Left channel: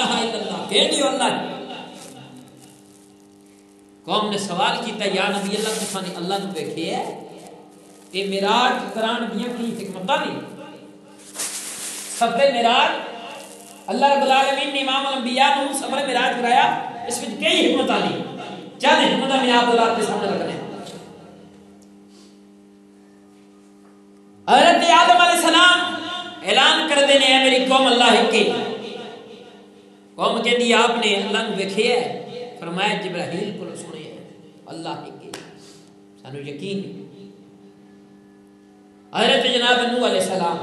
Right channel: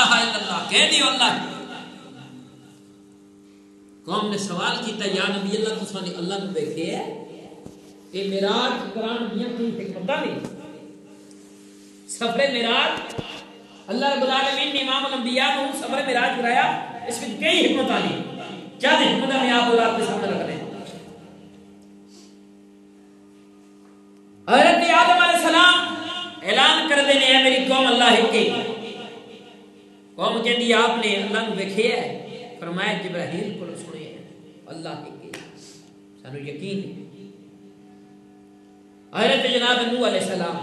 الہ الا اللہ کہہ دیو اللہ. قوم نے سوال کیتا یا نبی اللہ تساں نے اللہ نو دیکھے ہے؟ اے معراج قرآن دیاں کی حکمتاں نے. سفر معراج اللہ رب العالمین نے امام الانبیاء کو سفر معراج کرایا. اس میں کئی حکمتاں نے. چند حکمتاں میں آپ کے سامنے رکھ رہے ہیں. حضرت آدم علیہ السلام اعلان کر دینے ہیں میری قوم اللہ ہی کی. قوم کہہ دی آپ نے اللہ نو دیکھے ہے؟ فرمایا جبرائیل کو سنے ہیں اللہ ہی کی. سانو یقین ہے. حضرت جناب نوح علیہ السلام،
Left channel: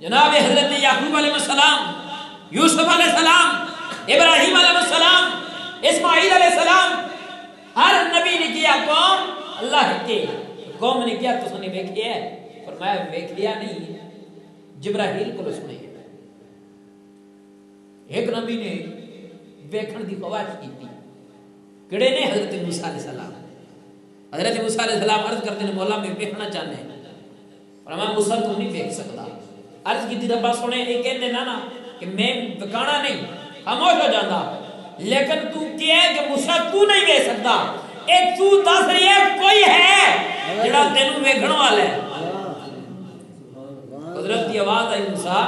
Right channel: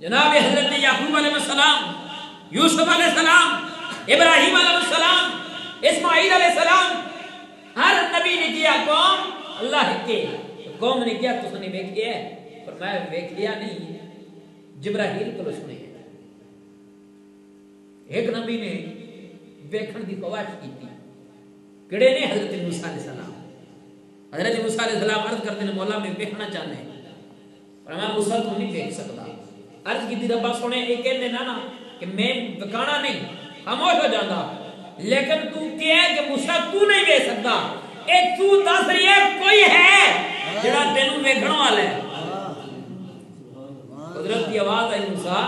جناب حضرت یعقوب علیہ السلام، یوسف علیہ السلام، ابراہیم علیہ السلام، اسماعیل علیہ السلام، ہر نبی نے کیا قوم اللہ کے. قوم نے کیا تو نے دیکھے ہے؟ فرمایا دیکھ لیا نہیں، جبرائیل کو سنے. ایک نبی نے دیکھن دی خواہش کی تھی. کڑے نے حضرت موسیٰ علیہ السلام. حضرت موسیٰ علیہ السلام عرض کرتے ہیں مولا میں دیکھنا چاہنے ہیں. فرمایا موسیٰ تو نہیں دیکھ سکتا. عرض کی تھی ربا سنے ایک کہتے نا کہ میں بکانا نہیں خاموش ہو جاتا، لیکن تو کیا ہے کہ موسیٰ تو نہیں دیکھ سکتا. ایک تو دس رہی ہے کوئی ہے جڑا تینوں دیکھن والا ہے. قدرت کی آواز آئی موسیٰ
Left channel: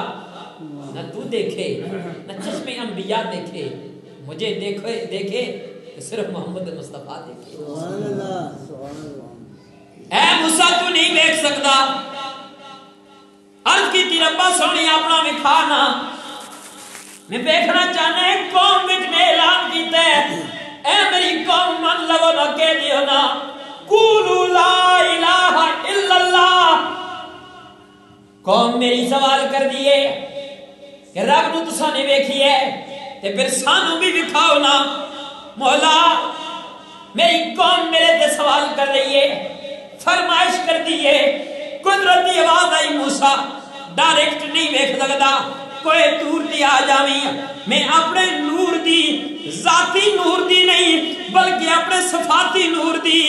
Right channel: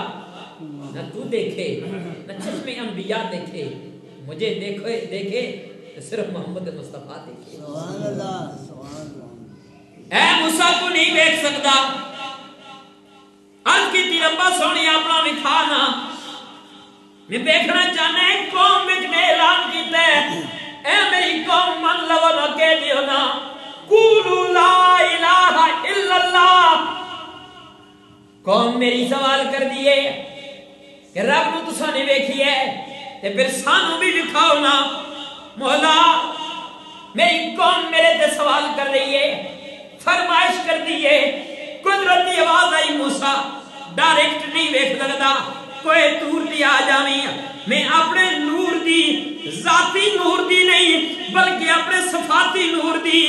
نہ تو دیکھے نہ چشم انبیاء دیکھے، مجھے دیکھے تو صرف محمد مصطفیٰ دیکھے. اے موسیٰ تو نہیں دیکھ سکتا. عرض کی تھی ربا سونی اپنا نکھانا میں دیکھنا چاہنے قوم وچ میں اعلان کیتا ہے اے میری قوم من لو نہ کہہ دیو نا قولوا لا الہ الا اللہ. قوم میری سوال کر دیئے کہ رب نو تساں نے ویکھی ہے تے پھر سانو بھی دکھاؤ نا. مولا میری قوم میرے تے سوال کر رہی ہے، فرمائش کر دیئے. قدرت کی آواز آئی موسیٰ ڈائریکٹ نہیں ویکھ لگدا، کوئی دور دی آ جاویں. میں اپنے نور دی ذاتی نور دی نہیں بلکہ اپنے صفاتی نور دی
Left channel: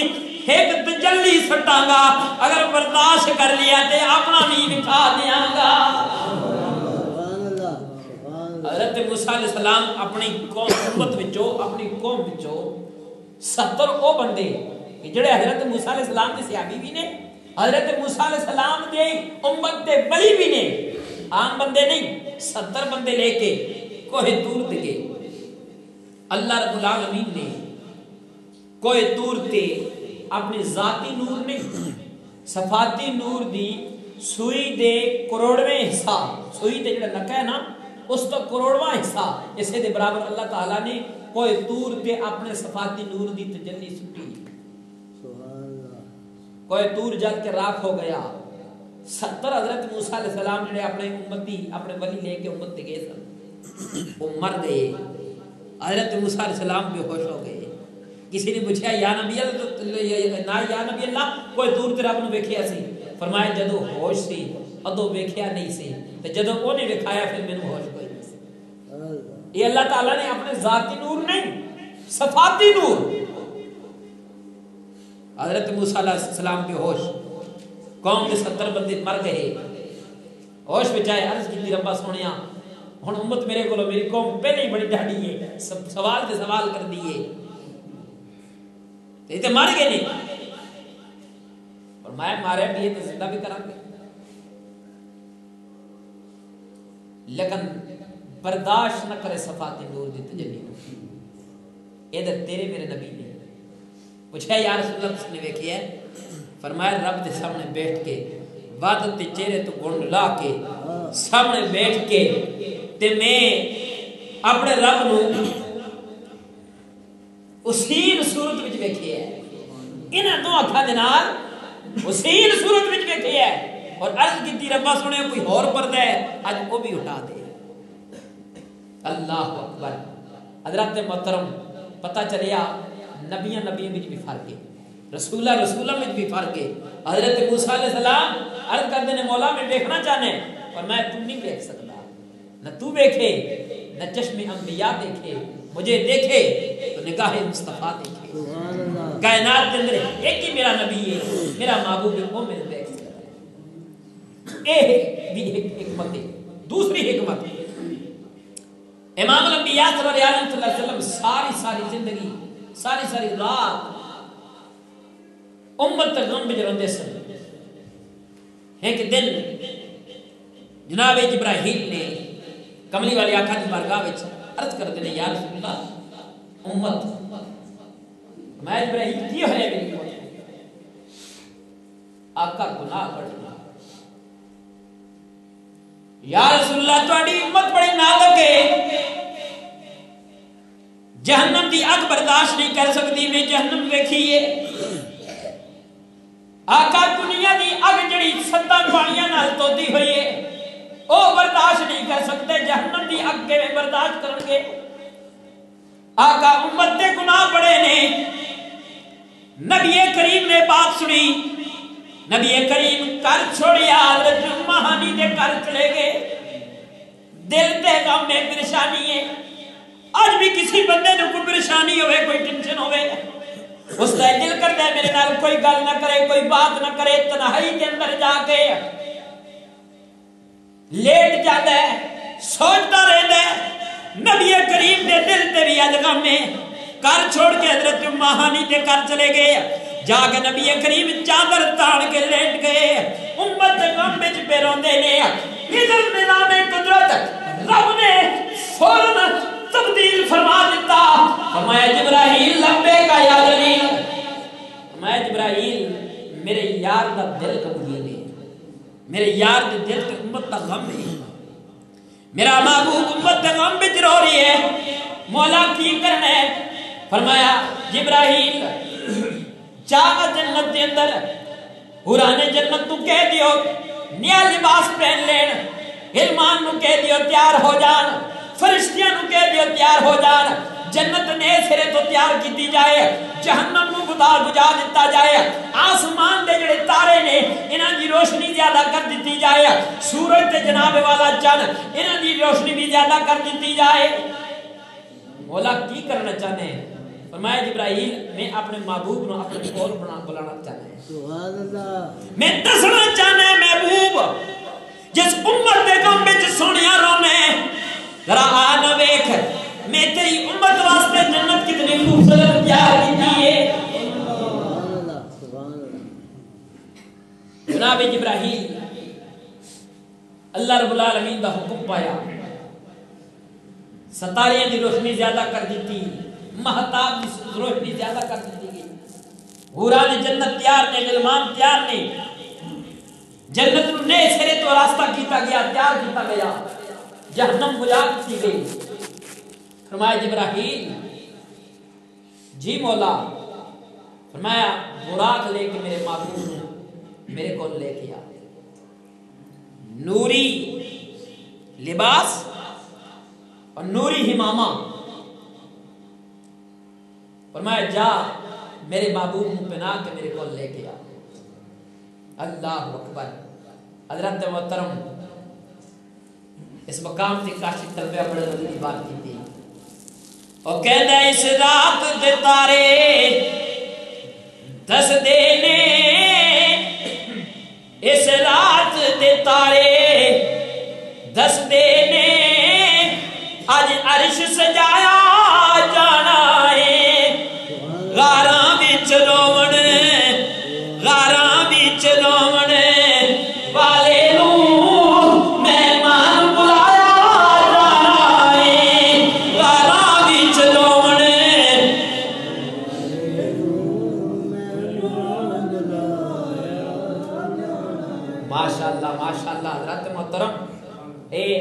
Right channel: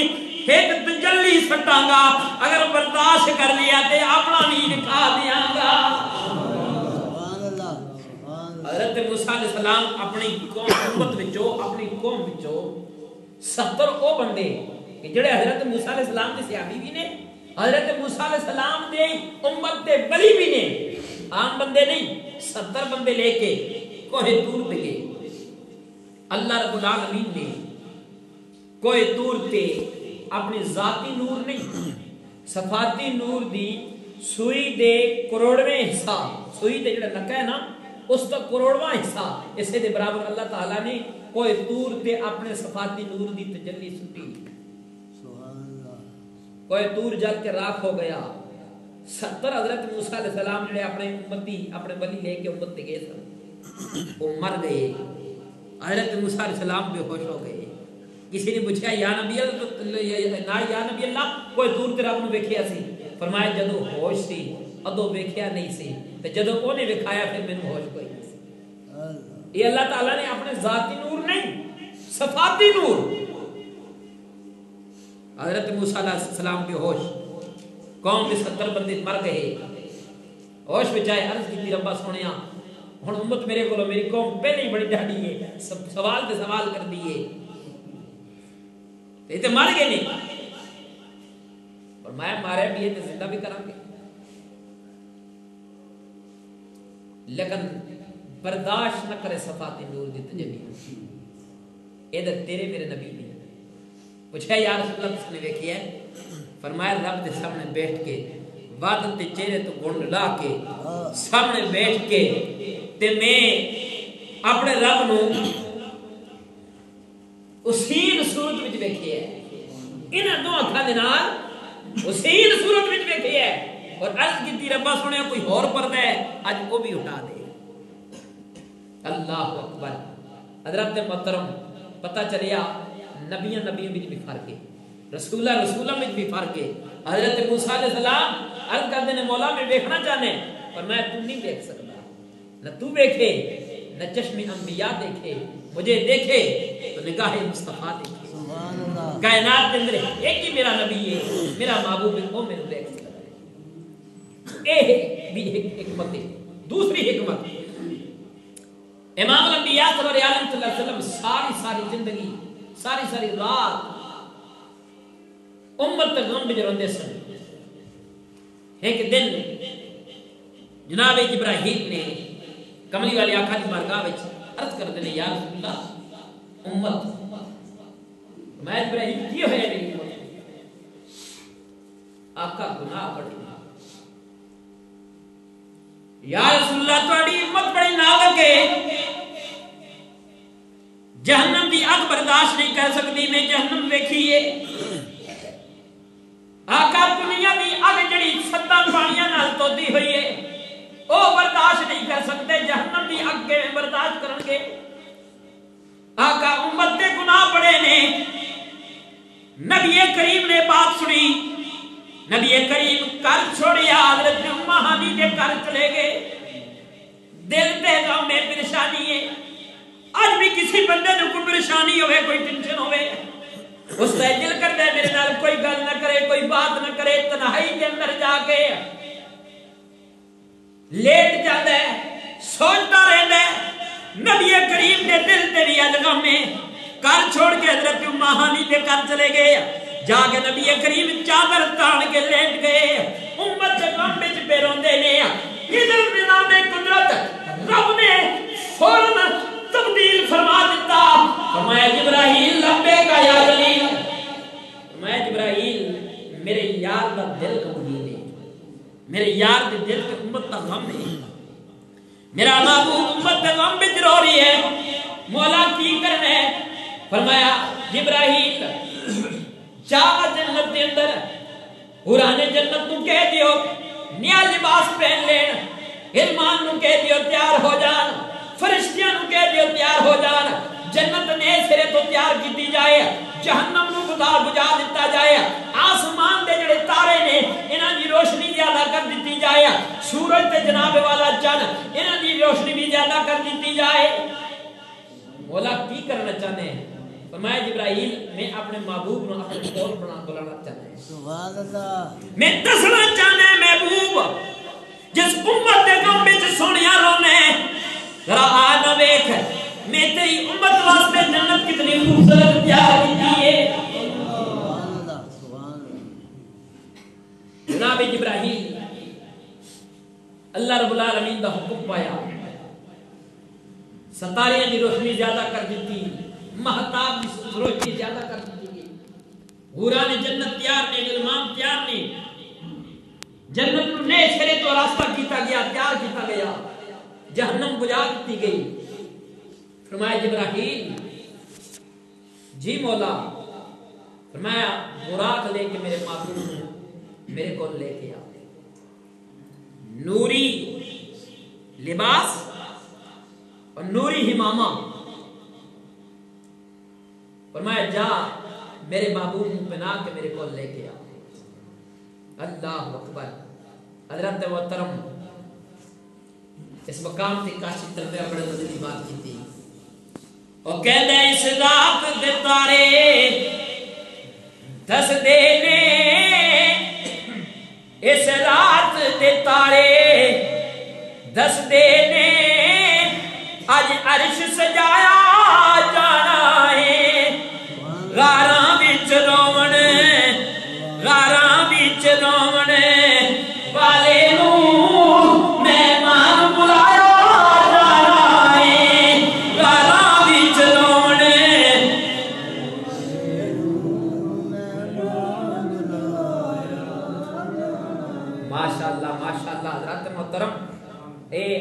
ایک تجلی سٹاں گا. اگر برداشت کر لیا تے اپنا نہیں دکھا دیاں گا. حضرت موسیٰ علیہ السلام اپنی قوم امت وچوں اپنی قوم وچوں 70 او بندے کہ جڑے حضرت موسیٰ علیہ السلام دے صحابی بھی نے، حضرت موسیٰ علیہ السلام دے امت دے ولی بھی نے، عام بندے نہیں. 70 بندے لے کے کوہ طور تے گئے. اللہ رب العالمین نے کوہ طور تے اپنے ذاتی نور نہیں صفاتی نور دی سوئی دے کروڑویں حصہ، سوئی دے جڑا نکا ہے نا اس تو کروڑواں حصہ اسے دے برابر اللہ تعالیٰ نے کوہ طور تے اپنے صفاتی نور دی تجلی سٹی. کوہ طور جل کے راکھ ہو گیا. 70 حضرت موسیٰ علیہ السلام جڑے اپنے امتی اپنے ولی لے کے امت تے گئے سن وہ مر گئے. حضرت موسیٰ علیہ السلام بے ہوش ہو گئے. کسی نے پوچھا یا نبی اللہ کوئی دور تے رب نو ویکھیا سی؟ فرمایا جدو ہوش سی ادو ویکھیا نہیں سی تے جدو اونے وکھایا پھر مینوں ہوش کوئی نہیں سی. یہ اللہ تعالیٰ نے اپنے ذاتی نور نہیں صفاتی نور. حضرت موسیٰ علیہ السلام کے ہوش، قوم کے 70 بندے مر گئے. ہوش بچائے. عرض کی ربا سنیا ہن امت میرے کولو میری قوم پہلے ہی بڑی ڈاڈی ہے، سوال تے سوال کر دیے تے مر گئے نہیں. فرمایا مارے بھی تے زندہ بھی کریں گے لیکن برداشت نہ کرے صفاتی نور دی تجلی. اے تیرے میرے نبی نے پوچھا یا رسول اللہ نے دیکھیا ہے؟ فرمایا رب کے سامنے بیٹھ کے بادل تے چہرے تو گنڈ لا کے سامنے بیٹھ کے تے میں اپنے رب نو اسی صورت وچ دیکھیا ہے. انہاں دو اکھاں دے نال اسی صورت وچ دیکھیا ہے. اور عرض کیتی ربا سنیا کوئی اور پردہ ہے اج وہ بھی اٹھا دے. اللہ اکبر. حضرت محترم پتہ چلیا نبیاں وچ بھی فرق ہے، رسولہ وچ بھی فرق ہے. حضرت موسیٰ علیہ السلام عرض کرتے ہیں مولا میں دیکھنا چاہنے اور میں تم نہیں دیکھ سکتا. نہ تو دیکھے نہ چشم انبیاء دیکھے، مجھے دیکھے تو نگاہ مصطفیٰ دیکھے. کائنات کے اندر ایک ہی میرا نبی ہے، میرا محبوب ہے، وہ میرے دیکھ سکتا ہے. یہ بھی ایک حکمت ہے. دوسری حکمت امام الانبیاء صلی اللہ علیہ وسلم ساری زندگی ساری رات امت غم میں روندے سن. ایک دن جناب جبرائیل نے کملی والے آقا کی بارگاہ وچ عرض کر دے یا رسول اللہ امت میں جبرائیل کی ہوئے میری امت آقا گناہ بڑی یا رسول اللہ تہاڈی امت بڑی نازک ہے جہنم دی اگ برداشت نہیں کر سکتی میں جہنم ویکھیے آقا دنیا دی اگ جڑی ستاں پانیاں نال تودی ہوئی ہے او برداشت نہیں کر سکتے جہنم دی اگ کے برداشت کرن گے آقا امت دے گناہ بڑے نے نبی کریم نے بات سنی نبی کریم کر چھوڑیا حضرت مہانی کے کر چلے گئے دل تے غم میں پریشانی ہے آج بھی کسی بندے نے کوئی پریشانی ہوئے کوئی ٹینشن ہوئے اس کا دل کرتا ہے میرے نال کوئی گل نہ کرے کوئی بات نہ کرے تنہائی کے اندر جا کے لیٹ جاتا ہے سوچتا رہتا ہے نبی کریم نے دل تے بھی غم میں کر چھوڑ کے حضرت مہانی کے کر چلے گئے جا کے نبی کریم چادر تان کے لیٹ گئے امت غم وچ پہ روندے نے ادھر میدان قدرت رب نے فوراً تبدیل فرما دیتا فرمایا جبرائیل لمبے کا یا جلیل فرمایا جبرائیل میرے یار کا دل کمزور ہے میرے یار کے دل کے امت کا غم ہے میرا محبوب امت کا غم وچ رو رہی ہے مولا کی کرنا ہے فرمایا جبرائیل جا جنت دے اندر حوران جنت تو کہہ دیو نیا لباس پہن لین غلمان نو کہہ دیو تیار ہو جان فرشتیاں نو کہہ دیو تیار ہو جان جنت نے سرے تو تیار کیتی جائے جہنم نو بجا دیتا جائے آسمان دے جڑے تارے نے انہاں دی روشنی زیادہ کر دیتی جائے سورج تے جناب والا چند انہاں دی روشنی بھی زیادہ کر دیتی جائے مولا کی کرنا چاہتے ہیں فرمایا جبرائیل میں اپنے محبوب نو اپنے کول بلانا چاہتا ہے سبحان اللہ میں دسنا چاہنا ہے محبوب جس امت دے غم وچ سونیا رونے ذرا آ نہ ویکھ میں تیری امت واسطے جنت کتنی خوبصورت تیار کی ہے سبحان اللہ سبحان اللہ جناب جبرائیل اللہ رب العالمین دا حکم پایا ستارے دی روشنی زیادہ کر دیتی مہتاب کی روشنی زیادہ کر دیتی گئی حوران جنت تیار نے غلمان تیار نے جنت نو نئے سرے تو راستہ کیتا گیا تیار کیتا گیا جہنم بجا دیتی گئی فرمایا جبرائیل جی مولا فرمایا براق لے کے میرے محبوب نے میرے کو لے کے آ نوری لباس اور نوری ہمامہ فرمایا جا میرے محبوب کو پہنا کے میرے کو لے کے آ اللہ اکبر حضرت محترم اس مقام سے کاشف تربیہ بڑے مزے کی بات کی تھی اور کہہ دے اس رات دے تارے دس دے نے اس رات دے تارے دس دے نے آج عرش سجایا جانا ہے غاراں وچ روون غاراں وچ روون والے نوں مہمان بلایا جانا ہے غاراں وچ روون ماشاءاللہ حضرت محترم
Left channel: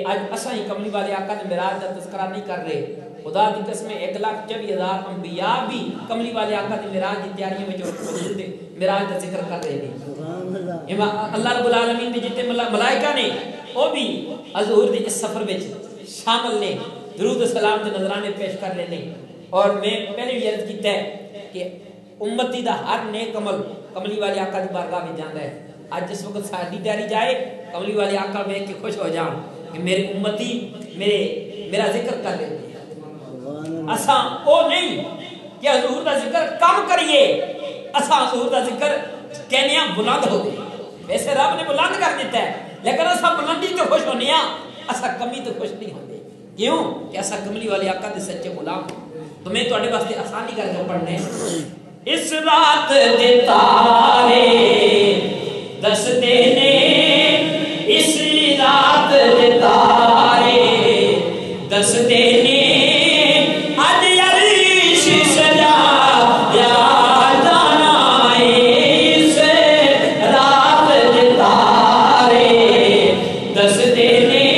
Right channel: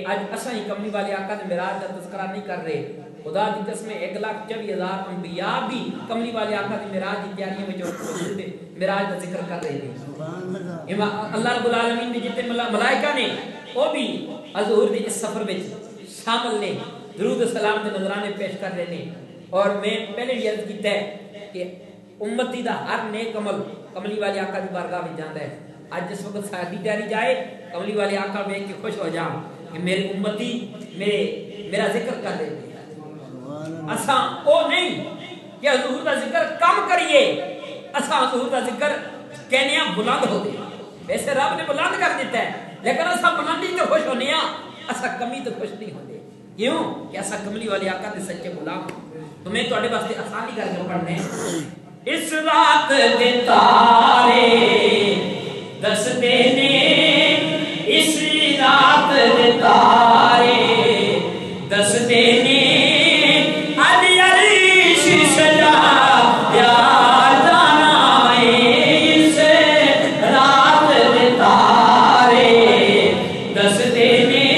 آج اساں ہی کملی والے آقا نے معراج کا تذکرہ نہیں کر رہے خدا کی قسم 1,24,000 انبیاء بھی کملی والے آقا دی معراج کی تیاریوں میں جو موجود ہیں معراج کا ذکر کر رہے ہیں اللہ رب العالمین نے جتنے ملائکہ نے وہ بھی حضور دی اس سفر میں شامل نے درود و سلام کے نذرانے پیش کر رہے ہیں اور میں پہلے بھی عرض کیتا ہے کہ امتی دا ہر نیک عمل کملی والے آقا دی بارگاہ میں جاندا ہے آج جس وقت ساری تیاری جائے کملی والے آقا دیکھ کے خوش ہو جاؤں کہ میرے امتی میرا ذکر کر رہے ہیں اساں او نہیں کہ حضور دا ذکر کم کریے اساں حضور دا ذکر کہنے ہیں بلند ہو دے ویسے رب نے بلند کر دیتا ہے لیکن اساں بلندی تو خوش ہونے ہیں اساں کمی تو خوش نہیں ہوتے کیوں کہ ایسا کملی والے آقا دے سچے غلام تو میں تواڈے واسطے آسانی کر کے پڑھنے اس رات دے تارے دسدے نے اس رات دے تارے دسدے نے اج عرش سجا یا جانا اس رات دے تارے دسدے نے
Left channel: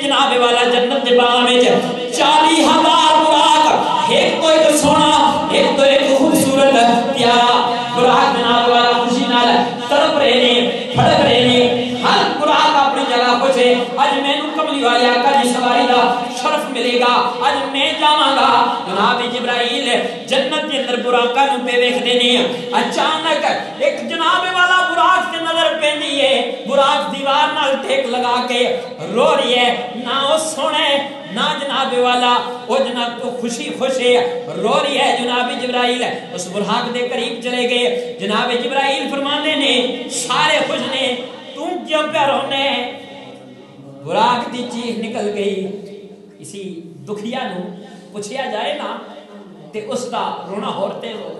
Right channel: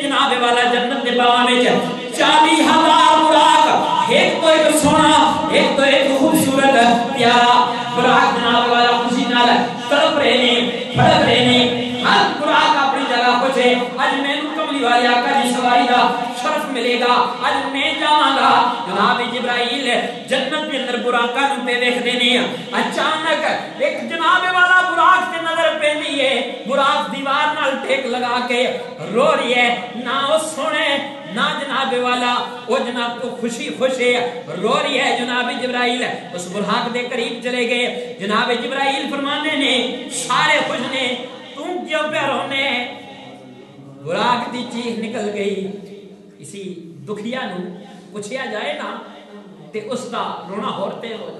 جناب والا جنت دے باغ وچ 40,000 براق ایک تو ایک سونا ایک تو ایک خوبصورت پیارا براق جناب والا خوشی نال تڑپ رہے نے پھڑک رہے نے ہر براق اپنی جگہ پہنچے اج مینوں کملی والے آقا دی سواری دا شرف ملے گا اج میں جاواں گا جناب جبرائیل جنت دے اندر براقاں نوں پہ ویکھدے نے اچانک ایک جناب والا براق تے نظر پیندی ہے براق دیوار نال ٹھیک لگا کے رو رہی ہے نہ وہ سونے نہ جناب والا وہ جناب تو خوشی خوشی رو رہی ہے جناب جبرائیل اس براق دے قریب چلے گئے جناب جبرائیل فرماندے نے سارے خوش نے تم کیوں پہ رونے براق دی چیخ نکل گئی اسی دکھیا نو پوچھیا جائے نا تے اس دا رونا ہورتے ہو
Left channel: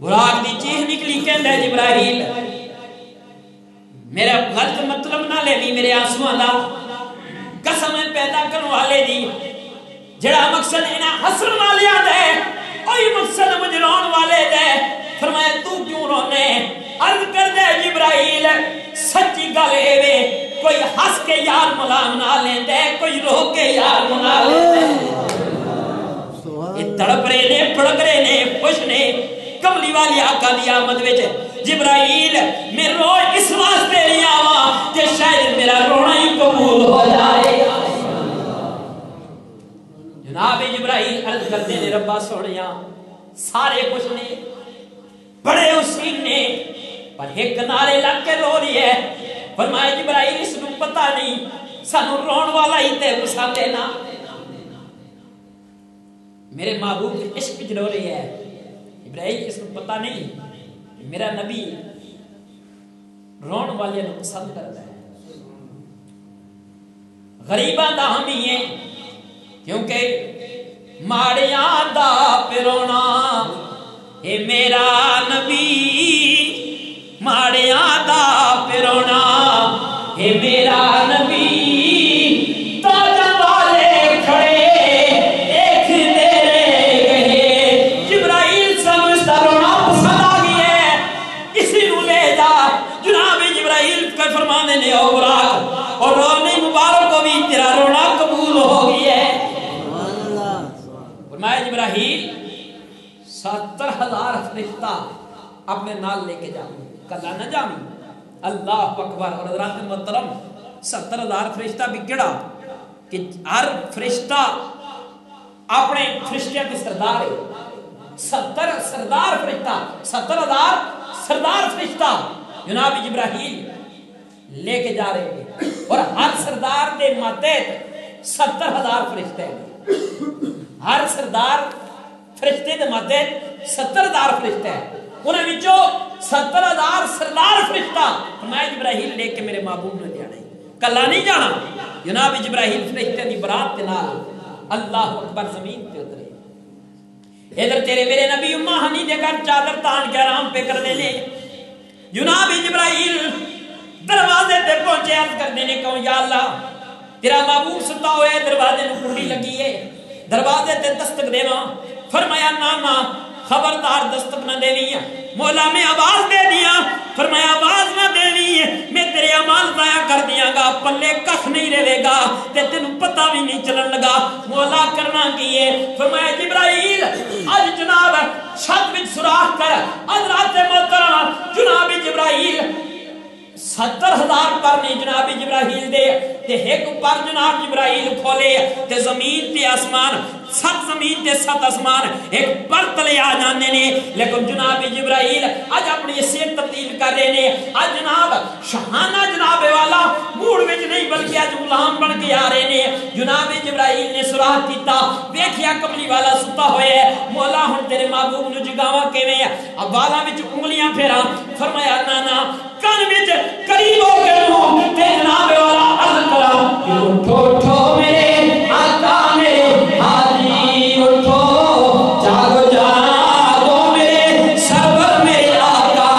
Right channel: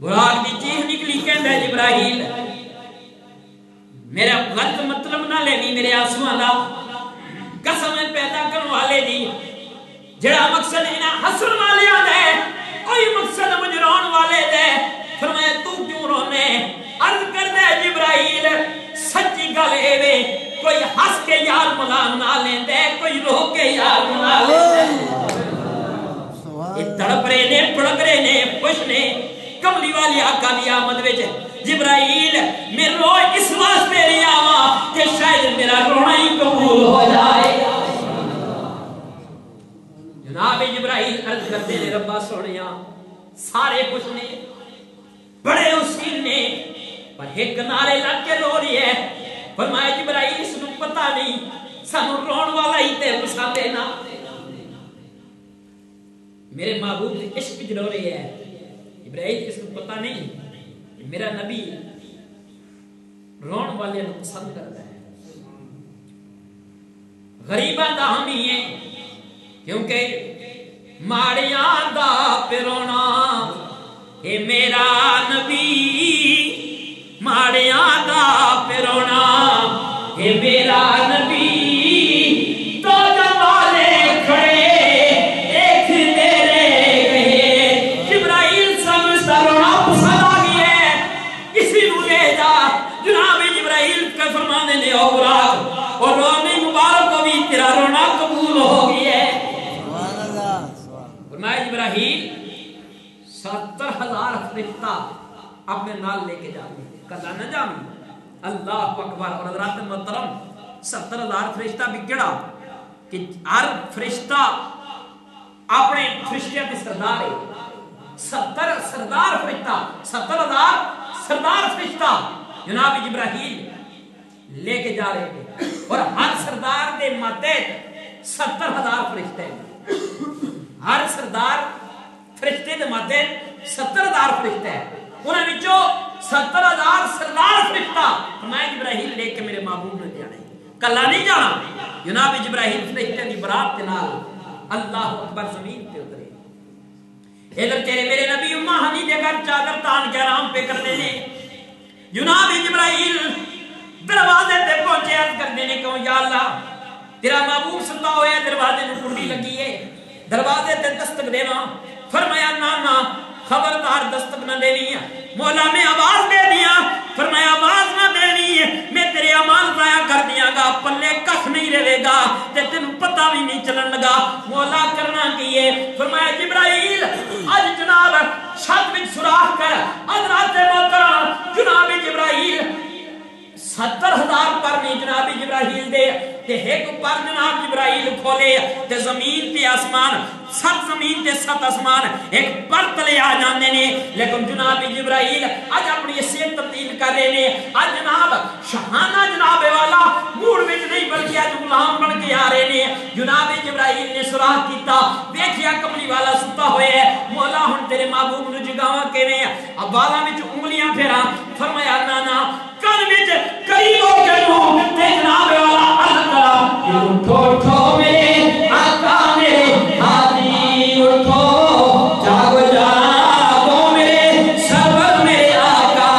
براق دی چیخ نکلی کہندا ہے جبرائیل میرا غلط مطلب نہ لینی میرے آنسوؤں دا قسم پیدا کرنے والے دی جڑا مقصد انہاں حسن والے دا ہے کوئی مقصد مجھ رون والے دے فرمایا تو کیوں رونے عرض کر دے جبرائیل سچی گل اے وے کوئی ہنس کے یار ملام نہ لیندے کوئی رو کے یار منا لیندے یہ تڑپ رہے نے پڑک رہے نے خوش نے کملی والی آقا دی آمد وچ جبرائیل میں رو اس واسطے نہیں آواں کہ شاید میرا رونا ہی قبول ہو جائے جناب جبرائیل عرض کرتے نے ربا سونیا سارے خوش نے بڑے حسین نے پر ایک نعرے لگ کے رو رہی ہے فرمایا جبرائیل اس کو پتہ نہیں سانو رون والا ہی تے رسا دینا میرے محبوب کے عشق وچ رو رہی ہے جبرائیل اس کو پتہ نہیں میرا نبی رون والے نو پسند کرتا ہے غریباں دا ہمی ہے کیونکہ ماڑیاں دا پرونا اے میرا نبی ماڑیاں دا پرونا اے میرا نبی اور رونے مبارک کو بھی تیرا رونا قبول ہو گئی ہے فرمایا جبرائیل 70,000 فرشتہ اپنے نال لے کے جاؤں کلا نہ جاؤں اللہ اکبر اور حضرات محترم 70,000 فرشتہ بھی کیڑا کہ ہر فرشتہ اپنے فرشتے کے سردار ہے 70 سردار فرشتہ 70,000 سردار فرشتہ جناب جبرائیل لے کے جا رہے ہیں اور ہر سردار دے ماتحت 70,000 فرشتے ہیں ہر سردار فرشتے دے ماتحت 70,000 فرشتے ہیں انہیں وچوں 70,000 سردار فرشتہ فرمایا جبرائیل لے کے میرے محبوب نے جانا ہے کلا نہیں جانا جناب جبرائیل فرشتے دی برات کے نال اللہ اکبر زمین پہ اترے ادھر تیرے میرے نبی امہ ہنی دے گھر چادر تان کے آرام پہ کر لینے جناب جبرائیل دروازے تے پہنچے عرض کرنے نے کہوں یا اللہ تیرا محبوب ستا ہوئے دروازے نو کنڈی لگی ہے دروازے تے دستک دینا فرمایا نانا خبردار دستک نہ دینی مولا میں آواز دے دیا فرمایا آواز نہ دینی میں تیرے اعمال ضائع کر دیا گا پلے کخ نہیں رہے گا تے تینوں پتہ بھی نہیں چلن لگا مولا کرنا کی ہے فرمایا جبرائیل اج جناب چھت وچ سوراخ کر حضرات محترم جناب جبرائیل 70,000 پر نہیں جناب جبرائیل دے تے ایک پر جناب جبرائیل کھولے تے زمین تے آسمان 7 زمین تے 7 آسمان ایک پر تلے آ جانے نے لیکن جناب جبرائیل آج اپنی حیثیت تبدیل کر رہے نے آج جناب شہانہ جناب والا موڑ وچ نہیں بلکہ آج غلام بن کے آ رہے نے جناب جبرائیل نے سراغ کیتا ویکھیا کملی والا ستا ہوئے ہے مولا ہن تیرے محبوب نو جگاواں کیویں اب والا وچ انگلیاں پھیراں فرمایا نانا کن وچ قریب ہو کے منہ تے جناب والا عرض کرا کہ اٹھو اٹھو میرے آقا میرے ہادی اٹھو جاگو جاگو میرے سرور میرے آقا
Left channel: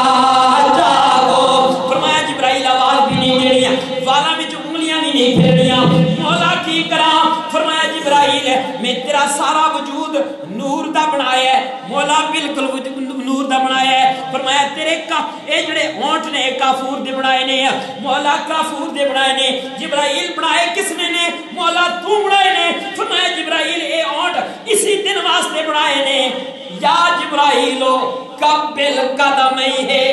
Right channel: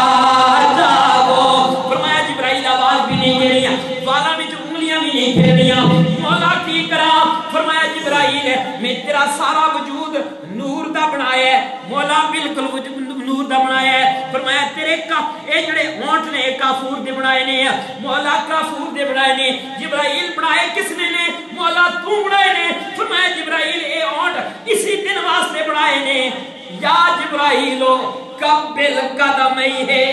جاگو فرمایا جبرائیل آواز بھی نہیں دینی والا وچ انگلیاں بھی نہیں پھیرنیاں مولا کی کراں فرمایا جبرائیل میں تیرا سارا وجود نور دا بنایا ہے مولا بالکل نور دا بنایا ہے فرمایا تیرے کا اے جڑے ہونٹ نے کافور دے بنائے نے مولا کافور دے بنائے نے جبرائیل بنائے کس نے مولا تو بنائے نے فرمایا جبرائیل اے ہونٹ اسی دن واسطے بنائے نے یا جبرائیلو قبل قدمی ہے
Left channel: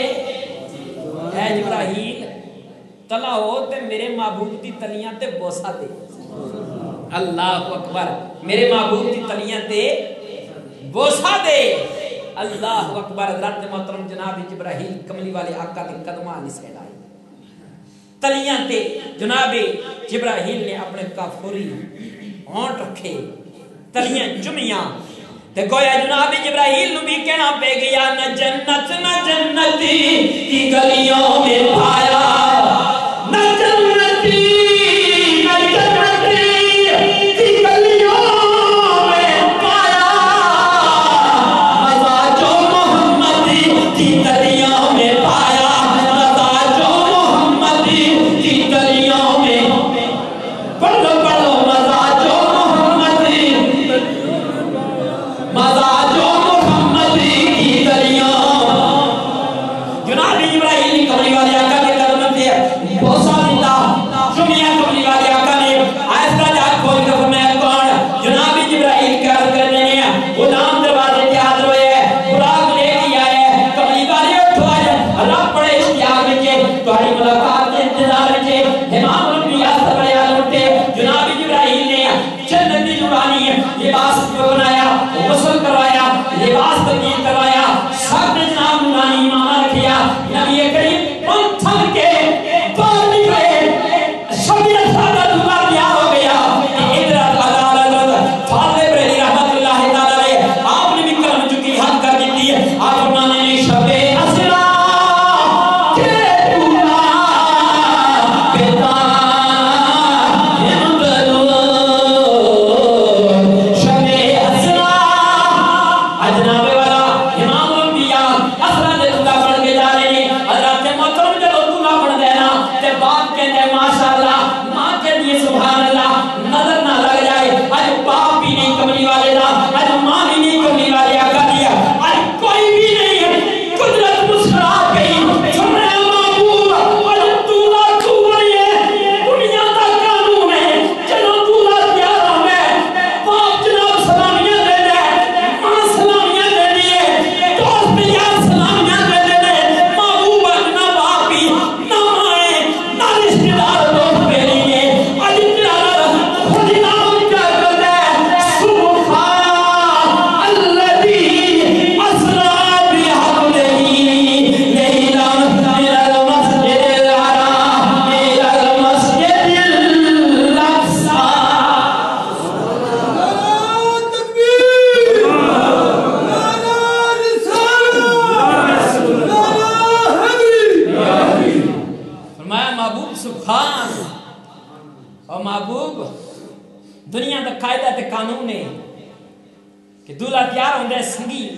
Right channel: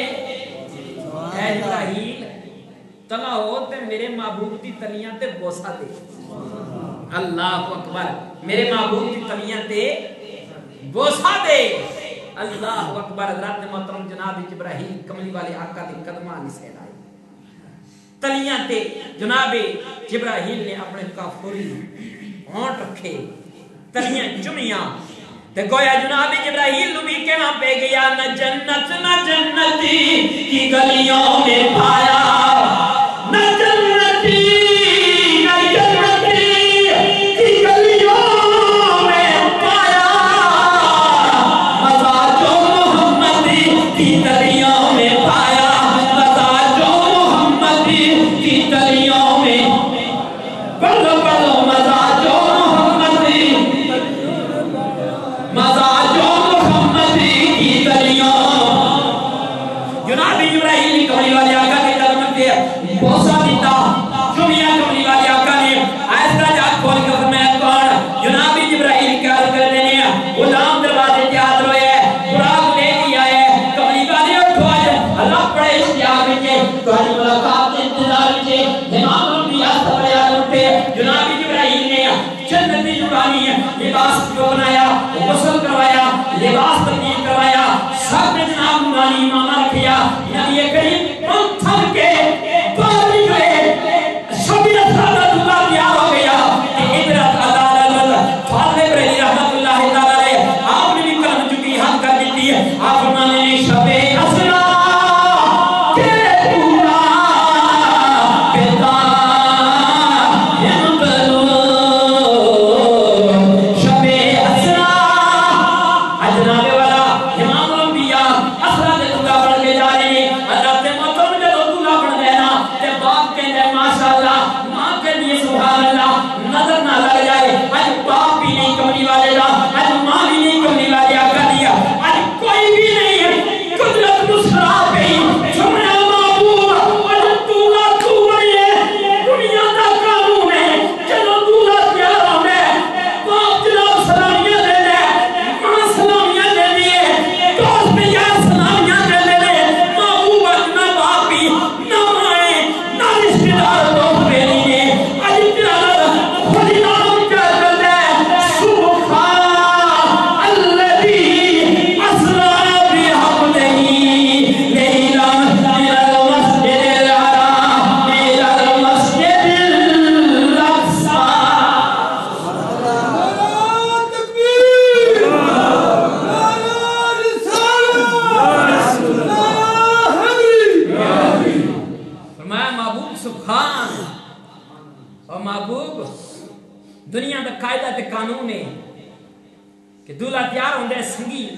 اے جبرائیل تلا ہو تے میرے محبوب دی تلیاں تے بوسا دے اللہ اکبر میرے محبوب دی تلیاں تے بوسا دے اللہ اکبر حضرت محترم جناب جبرائیل کملی والے آقا کے قدماں نسے لائے تلیاں تے جناب جبرائیل نے اپنے کافوری ہونٹ رکھے تلیاں چمیاں تے گویا جناب جبرائیل نو بھی کہنا پہ گیا نہ جنت نہ جنتی کی گلیوں میں پایا نہ جنتی نہ جنتی کی گلیوں میں پایا مزا جو محمدی کی گلیوں میں پایا مزا جو محمدی کی گلیوں میں پڑھو پڑھو مزا جو محمدی مزا جو محمدی کی گلیوں جناب جبرائیل کملی والے آقا کے قدموں پہ بوسا دیتا چمیاں کملی والے آقا نے ایسا جا کھول کر فرمایا کون جناب جبرائیل کیا کر رہے ہیں غلام دروازے کے حاضر ہوئے براق لے لیا ہے کملی والے اٹھو آئے اللہ پڑے اشتیاق رکھے تمہاری ملاقات کے انتظار رکھے امام الانبیاء سبیان اٹھے جناب جبرائیل نے جنتی جبرانی لباس جو بنایا غسل کروایا لباس تبدیل کروایا سب نے جناب نورانی امامہ رکھیا نبی کریم پنتھر کے پانی گئے شبیہ سادہ دلہ تیار ہو گیا کہ ادھر فاضل بریلی رحمت اللہ تعالی آپ نے بھی کرم چکی حق کر دیتی ہے آپ فرمانے نے شب اسرا کے پورا پیدا امدلو شب اسرا اجناب والا امام الانبیاء اسرا دے دلہ پڑھ کے جا رہے ہیں حضرت محترم کے دلہ پڑھ دینا تے باپ کہتے ہیں ماشاءاللہ ماں کہتی ہے سبحان اللہ نظر نہ لگ جائے آج باپ بھی نہیں کملی والے دا آج ماں بھی نہیں کملی والے آقا دیا آج کوئی بھی نہیں ہے قدرت مسکرا گئی سمجھا معبود آج دولہ تو رہی ہے دنیا دا قانون ہے چلو دولہ پیارا ہے باپ جناب سلامیاں دے دے ماں سلامیاں دے دیئے دوست یار سلامیاں دے دے معبود اجنا باپ بھی نہ مائے نہ رشتہ دار دوست بیلی نے آج پیارا خودی نام کیا کر دے سبحان الذی اسرا بعبدہ لیلا من المسجد الحرام الى المسجد الاقصى فرمایا محبوب سبحان اور محبوب دنیا دا قاعدہ تے قانون ہے کہ دولہ تیار ہوندے سنگی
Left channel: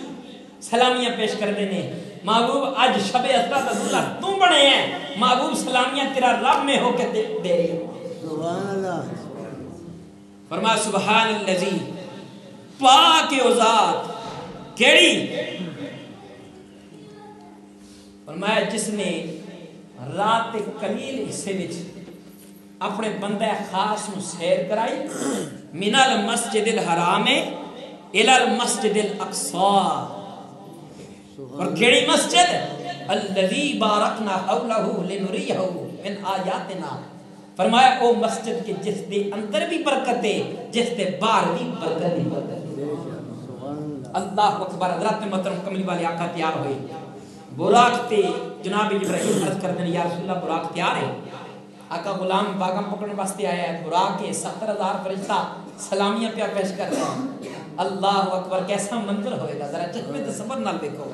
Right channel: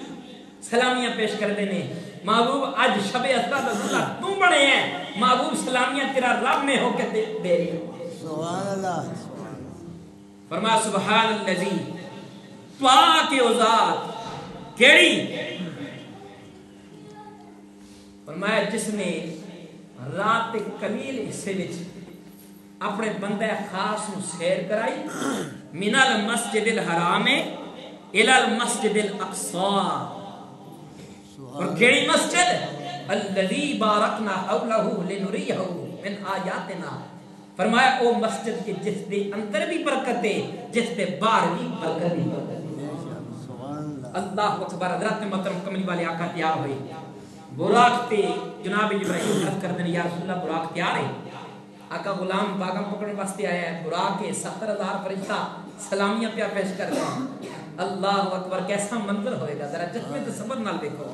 سلامیاں پیش کر دینے محبوب آج شب اسرا دا دولہ تم بنے ہیں محبوب سلامیاں تیرا رب میں ہو کے دے رہی ہیں سبحان اللہ فرمایا سبحان اللذی پاک او ذات کیڑی فرمایا جس نے رات قلیل حصے وچ اپنے بندہ خاص نو سیر کرائی من المسجد الحرام الى المسجد الاقصى اور کیڑی مسجد الذی بارکنا حولہ لنریہ من آیاتنا، فرمایا او مسجد کے جس دے اندر بھی برکت ہے، جس دے باہر بھی برکت ہے۔ اللہ اکبر۔ حضرت محترم کملی والے آقا تیار ہوئے، براق تے جناب ابراہیم عرض کر دیں یا رسول اللہ براق تیار ہے؟ آقا غلام باغم پکڑنے واسطے آیا ہے، براق کے 70,000 فرشتہ سلامیاں پیا پیش کرتا ہے۔ اللہ اکبر، کیسا منظر ہوئے گا، ذرا چشمے تصور نال دیکھو۔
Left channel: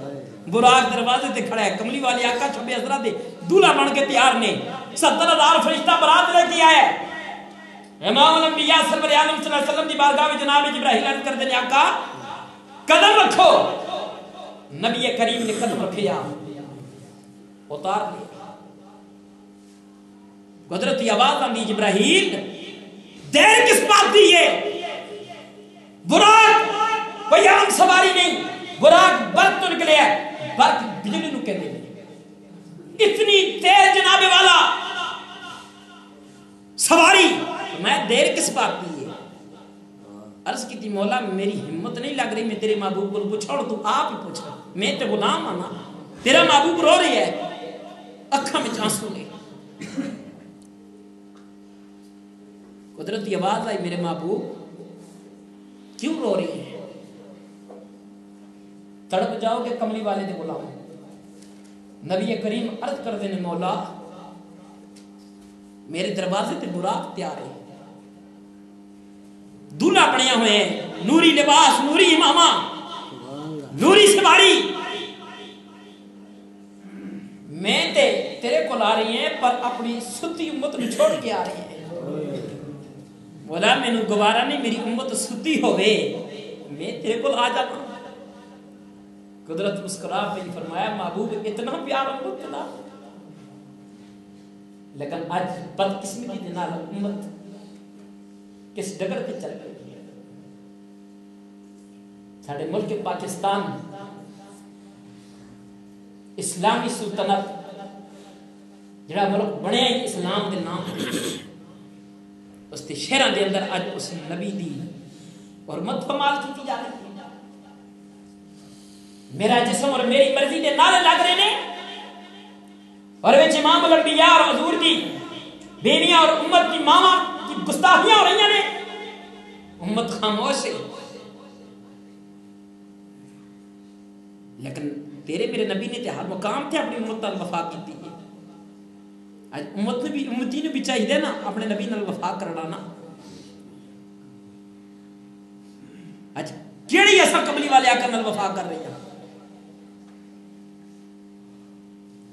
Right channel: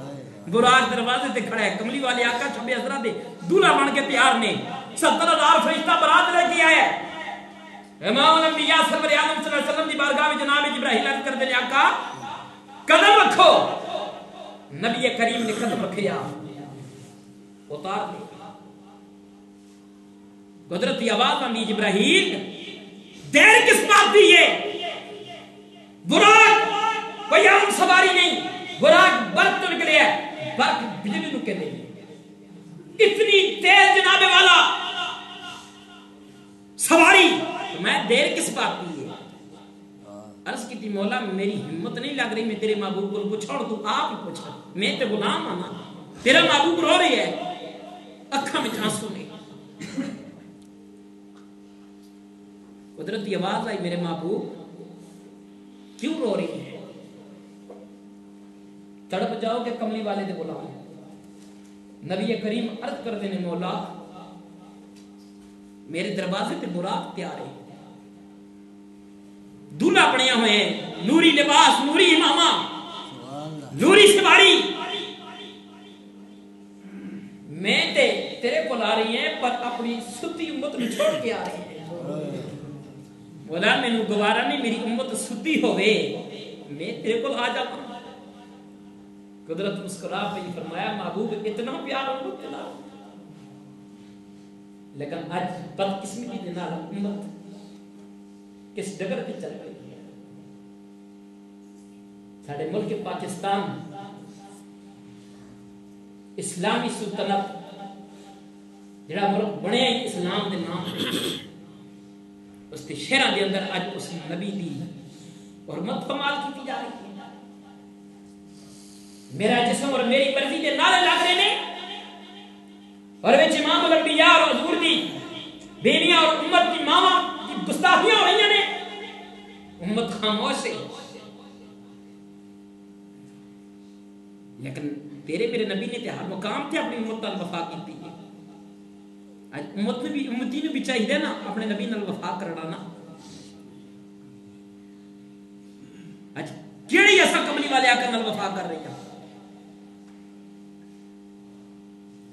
براق دروازے تے کھڑا ہے، کملی والے آقا چھبے حضرات دے دولہا بن کے تیار نے، 70,000 فرشتہ برات لے کے آیا ہے۔ امام الانبیاء سرور عالم صلی اللہ علیہ وسلم دی بارگاہ میں جناب ابراہیم عرض کر دیں آقا قدم رکھو۔ نبی کریم نے قدم رکھیا، اتار لیا، قدرتی آواز آندی جبرائیل دیر کس بات دی ہے؟ براق کوئی عام سواری نہیں، براق برق تو نکلے ہے، برق بجلی نو کہنے لیں، اتنی تیز جناب والا سواری، میں دیر کس بات دی ہے؟ عرض کی تھی مولا میری ہمت نہیں لگ رہی، میں تیرے محبوب کو پوچھا اور تو آپ ہی پوچھا، میں تے غلام آنا، تیرا محبوب رو رہی ہے، اکھاں میں آنسو نہیں۔ قدرتی آواز آئی میرے محبوب کیوں رو رہی ہے؟ تڑپ جاؤ کہ کملی والے دے غلام۔ نبی کریم عرض کر دینے مولا میرے دروازے تے براق تیار ہے، دولہا بنیا ہوئے ہیں، نوری لباس، نوری امامہ، نوری سواری، میں تے تیرے کو لا رہی ہیں پر اپنی ستی امت میں چھوڑ کے آ رہی ہیں۔ مولا میں نو گوارا نہیں میری امت ستی ہوئے، میں تیرے کو آ جاتا ہوں۔ قدرت مسکرا پہ فرمایا محبوب اتنا پیار امت تلا، لیکن آج بدقسمتی دے نال امت کس ڈگر پہ چل گئی ہے۔ ساڑھے ملک پاکستان اسلامی سلطنت جڑا ملک بنے اسلام دے نام اس تے شہران دے اندر آج اس نبی دی اور مت فمال کی جا رہی ہے۔ میرا جسم اور میری مرضی دے نعرے لگ رہے نے، اور وچ امام الانبیاء اور حضور دی بیویاں اور امت کی ماما کی گستاخیاں ہو رہی ہیں، امت خاموش ہے۔ لیکن تیرے میرے نبی نے تے ہر مقام تے اپنی امت نال وفا کیتی ہے۔ آج امت نے بھی امتی نے بھی چاہیے نا اپنے نبی نال وفا کرنا نا۔ آج کیڑی ایسا کملی والے آقا نال وفا کر رہے ہیں؟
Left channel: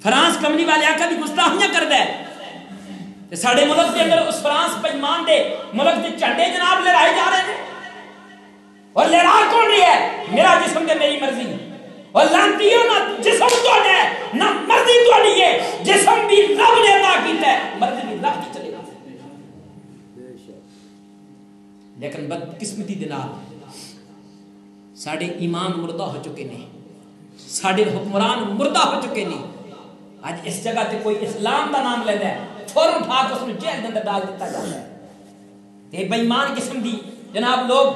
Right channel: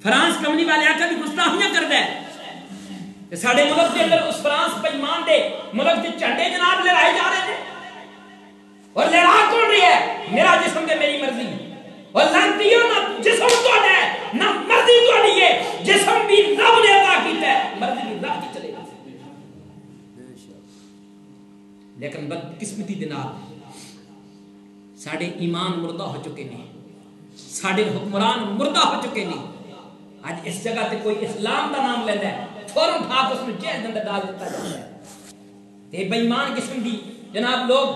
فرانس کملی والے آقا بھی گستاخیاں کردا ہے، ساڑھے ملک دے اندر اس فرانس بےمان دے ملک دے جھنڈے جناب لہرائے جا رہے ہیں، اور لہرا کون رہی ہے؟ میرا جسم دے میری مرضی، اور لانتیوں نہ جسم تو ہے نہ مرضی تو نہیں ہے، جسم بھی رب نے عطا کیتا ہے، مرضی بھی رب کی چلے گا۔ لیکن بدقسمتی دے نال ساڑھے ایمان مردہ ہو چکے ہیں، ساڑھے حکمران مردہ ہو چکے ہیں۔ آج اس جگہ تے کوئی اسلام دا نام لیتا ہے فوراً اٹھا کے اس میں جیل کے اندر ڈال دیتا جاتا ہے۔ تے بے ایمان قسم دی جناب لوگ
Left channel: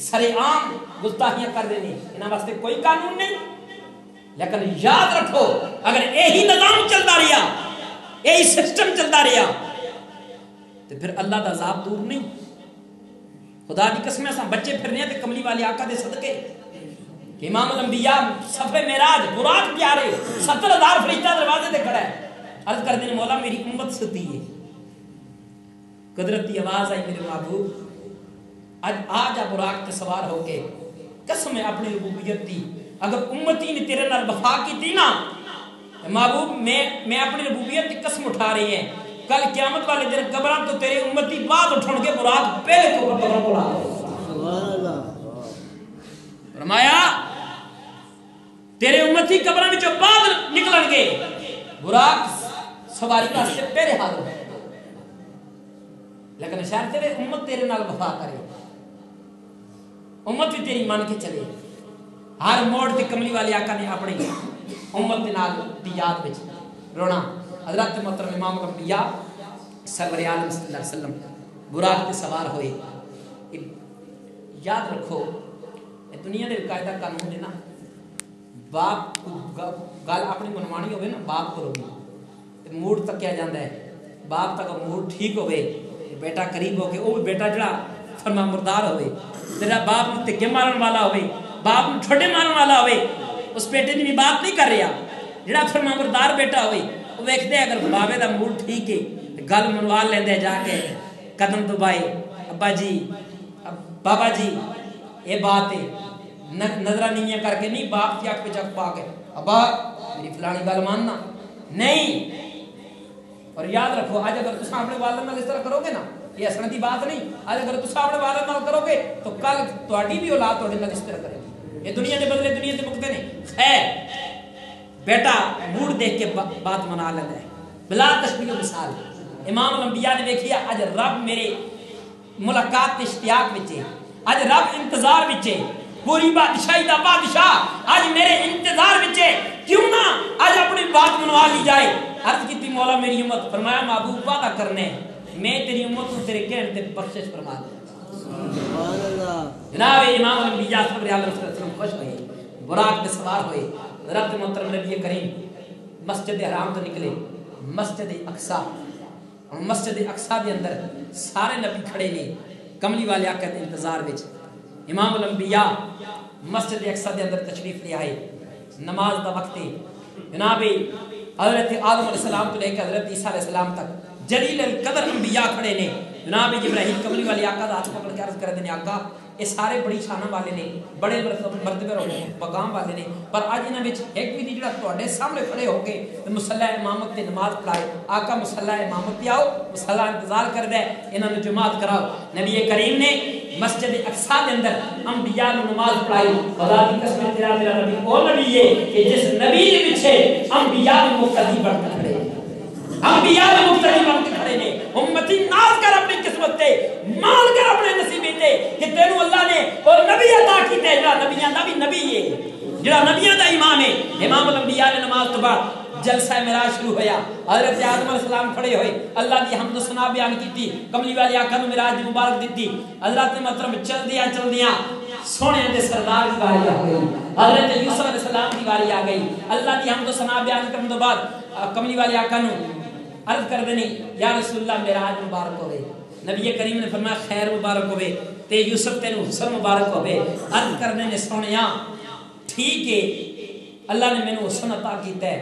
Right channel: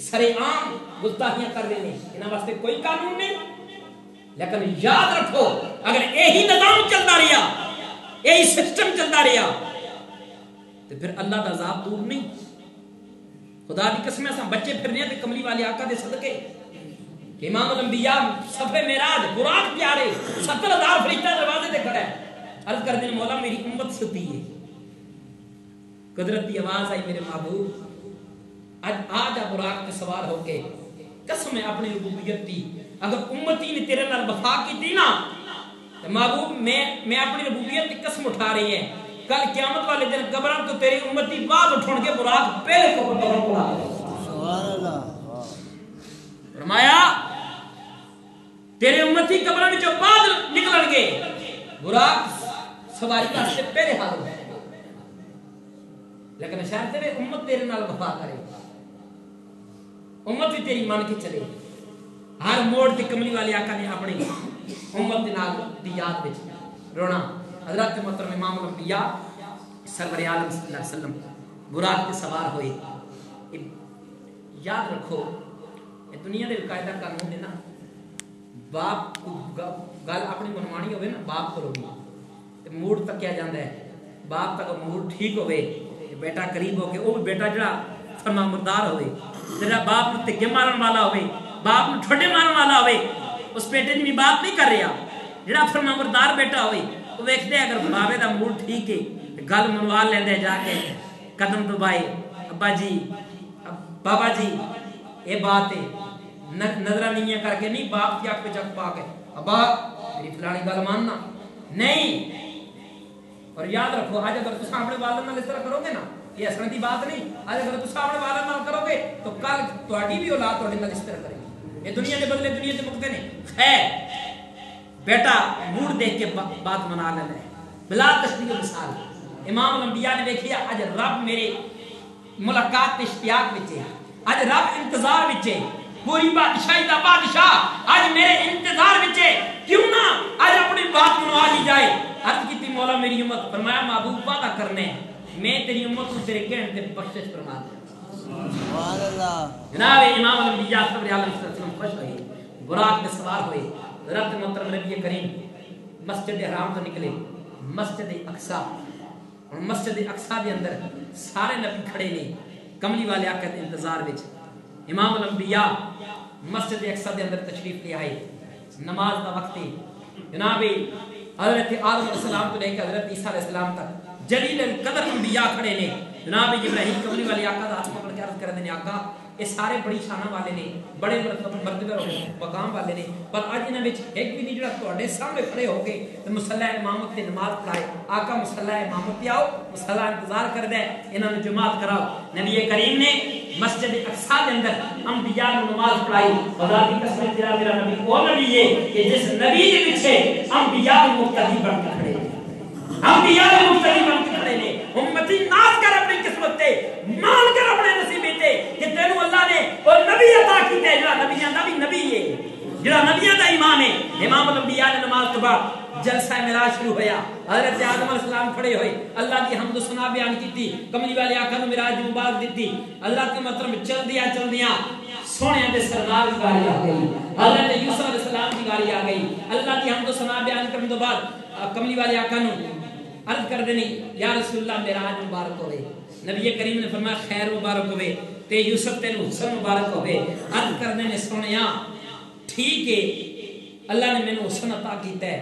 سارے عام گستاخیاں کر رہے ہیں، انہاں واسطے کوئی قانون نہیں۔ لیکن یاد رکھو اگر یہی نظام چلتا رہا، یہی سسٹم چلتا رہا تو پھر اللہ دا عذاب دور نہیں۔ خدا دی قسم اساں بچے پھرنے تے کملی والے آقا دے صدقے کہ امام الانبیاء سفر معراج براق پیارے 70,000 فرشتہ دروازے تے کھڑا ہے، عرض کر دیں مولا میری امت ستی ہے۔ قدرتی آواز آئی میرے محبوب آ جا براق تے سوار ہو کے، قسم ہے اپنی ربوبیت دی، اگر امتی نے تیرے نال وفا کی تھی نا محبوب میں اپنی ربوبیت کی قسم اٹھا رہی ہے، کل قیامت والے دن قبراں تو تیری امتی بعد اٹھن کے براق پہلے قبراں کو اٹھا دے۔ فرمایا تیرے امتی قبراں وچوں بعد نکلن گے، براق سواری واسطے پہلے حاضر ہے، لیکن شاید تیرے امت تیرے نال وفا کرے، امت بھی تیری مان کے چلے۔ ہر موڑ تے کملی والے آقا نے اپنی امت دے نال دی یاد وچ رونا۔ حضرت محترم امام الانبیاء سرور عالم صلی اللہ علیہ وسلم براق تے سوار ہوئے۔ یاد رکھو یہ دنیا دے قاعدہ قانون ہے نا، باپ گل اپنی منوانی ہوئے نا باپ کو بھی موڈ تکیا جاندہ ہے باپ تک موڈ ٹھیک ہوئے بیٹا قریب ہو کے وہ بھی بیٹا جڑا فرما مردار ہوئے میرا باپ نو تکے مارن والا ہوئے باپ نو ٹھوڑے مارن والا ہوئے اس بیٹے نے بھی بات نہیں کر رہا جڑا فرما مردار بیٹا ہوئے وہ ویکھتے اگر بابے دا موڈ ٹھیک ہے گل منوال لیندے جا کے قدم دبائے ابا جی بابا جی یہ بات ہے نظرہ نہیں کر کے نہیں باپ کی آنکھ پہ چک پا کے ابا میری فلانی گل ماننا نہیں. اور یاد رکھو آج اگر تم اپنے والد نال اس طرح کرو گے نا یہ حسن دی بات نہیں آج اگر تم اپنے والد نال کرو گے تو کل تہاڈی بھی اولاد تہاڈے نال اس طرح کرے گی. یہ دنیا دے بدلے دنیا دے مقتے نے خیر بیٹا موڈ دیکھ کے بات منا لینا ہے بلا تشبیہ مثال. امام الانبیاء نے دیکھ لیا اج رب میرے ملاقات اشتیاق وچے اج رب انتظار وچے پوری بادشاہی دا بادشاہ آج میرے انتظار وچے کیوں نہ آج اپنی بات منوا لی جائے. عرض کی تھی مولا میری امت فرمایا محبوب وعدہ کرنے میں تیری امت کو تیرے کہنے تے بخشش فرما دوں. جناب امام الانبیاء صلی اللہ علیہ وسلم خوش ہوئے براق میں سوار ہوئے رب محترم نبی کریم مسجد حرام تو نکلے مسجد اقصی اور مسجد اقصی دے اندر سارے نبی کھڑے نے کملی والے آقا دے انتظار وچ. امام الانبیاء مسجد اقصی دے اندر تشریف لے آئے نماز دا وقت ہے. جناب حضرت آدم علیہ السلام تو لے کے حضرت عیسیٰ علیہ السلام تک جلیل القدر انبیاء کھڑے نے. جناب ابراہیم کملی والے آقا دا ہاتھ پکڑ کے عرض کر دینے آقا یہ سارے بڑی شانہ والے نے بڑے مرتبہ مقام والے نے پر آج انہاں وچ ایک بھی نہیں جڑا تواڈے سامنے کھڑے ہو کے مصلی امامت تے نماز پڑھائے. آقا مصلی امامت تے آؤ مصلی انتظار کر دے انہاں نوں جماعت کراؤ. نبی کریم نے مسجد اقصی دے اندر انبیاء نوں نماز پڑھائی. خدا دی قسم تیرا میرا نبی او نبی ہے کہ جس نبی دے پیچھے انبیاء مقتدی بن کے کھڑے انبیاء مقتدی بن کے کھڑے نے. امتی ناز کر اپنی قسمت تے مان کر اپنے نصیب تے کہ تینوں اللہ نے اور نبی عطا کیتے جڑا نبیاں دا بھی نبی ہے جڑا نبیاں دا امام ہے. امام الانبیاء نے نماز تو بعد جلسہ معراج شروع ہویا. حضرت آدم علیہ السلام کھڑے ہوئے اللہ دی حمد و ثنا بیان کیتی کملی والے آقا نوں معراج مبارک دتی. حضرت محترم چل دیاں سونے دے سردار دی باری آ گئی حضرت یوسف علیہ السلام دی باری آ گئی. اللہ دی حمد و ثنا بیان کرنے تو بعد کملی والے آقا نوں عرض کر دینی یا رسول اللہ معراج مبارک ہوئے. نبی کریم نے فرمایا خیر مبارک ہوئے تے یوسف تینوں حسن مبارک ہوئے. عرض کر دینے سونیاں ٹھیک ہے اللہ نے میں نے حسن عطا کیتا ہے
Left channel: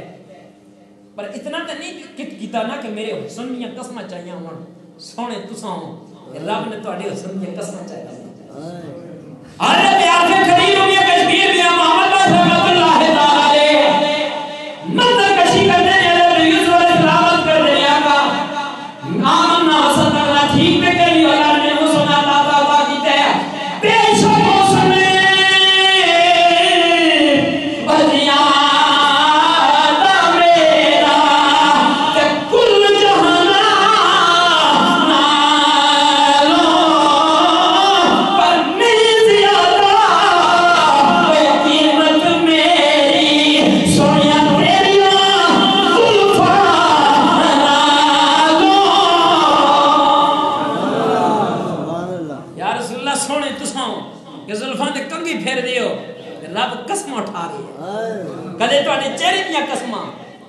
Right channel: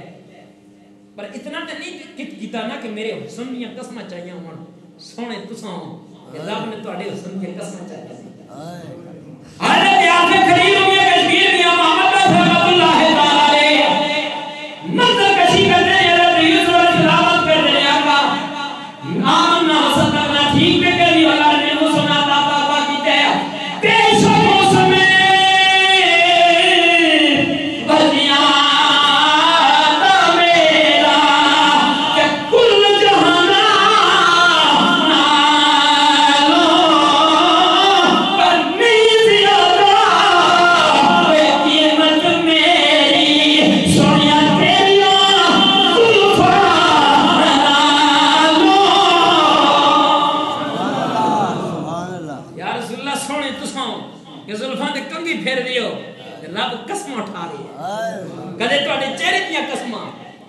پر اتنا تے نہیں کیتا نا کہ میرے حسن دیاں قسماں چاہیے ہون سونے تساں رب نے تہاڈے حسن دیاں قسماں چاہیے. حضرت آخر کریم میں کشمیر میں محمد رسول اللہ تعالی علیہ منظر کشی کرتے ہیں حضرت یوسف علیہ السلام کرتے ہیں آقا آمنا صدقنا ٹھیک پہ کری اللہ نے وہ سنا عطا کیتا ہے بے شک موسم بدیاں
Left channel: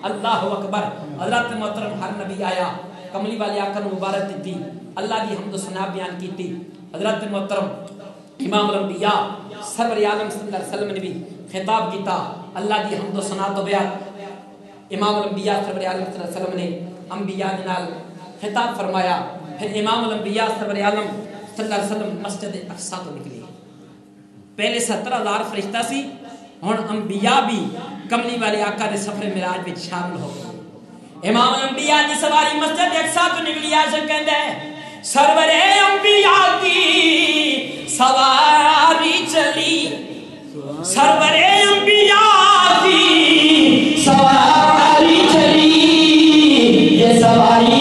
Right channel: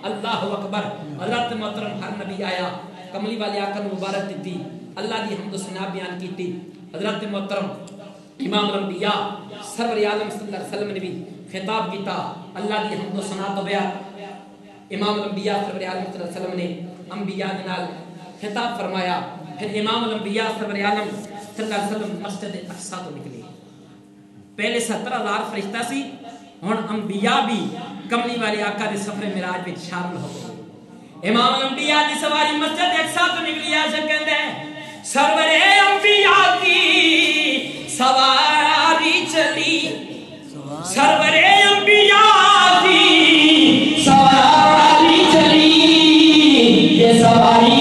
اللہ اکبر. حضرت محترم ہر نبی آیا کملی والے آقا نوں مبارک دیتی اللہ دی حمد و ثنا بیان کیتی. حضرت محترم امام الانبیاء سرور عالم صلی اللہ علیہ وسلم نے بھی خطاب کیتا اللہ دی حمد و ثنا تو بیان. امام الانبیاء سرور عالم صلی اللہ علیہ وسلم نے انبیاء دے نال خطاب فرمایا. پھر امام الانبیاء سرور عالم صلی اللہ علیہ وسلم مسجد اقصی تو نکلے. پہلے 70,000 فرشتہ سی ہن انبیاء بھی کملی والے آقا دے سفر معراج وچ شامل ہو گئے. امام الانبیاء دی سواری مسجد اقصی تو نکلی. عاشق کہندا ہے سرور انبیاء کی سواری چلی سرور انبیاء کی سواری چلی یہ سواری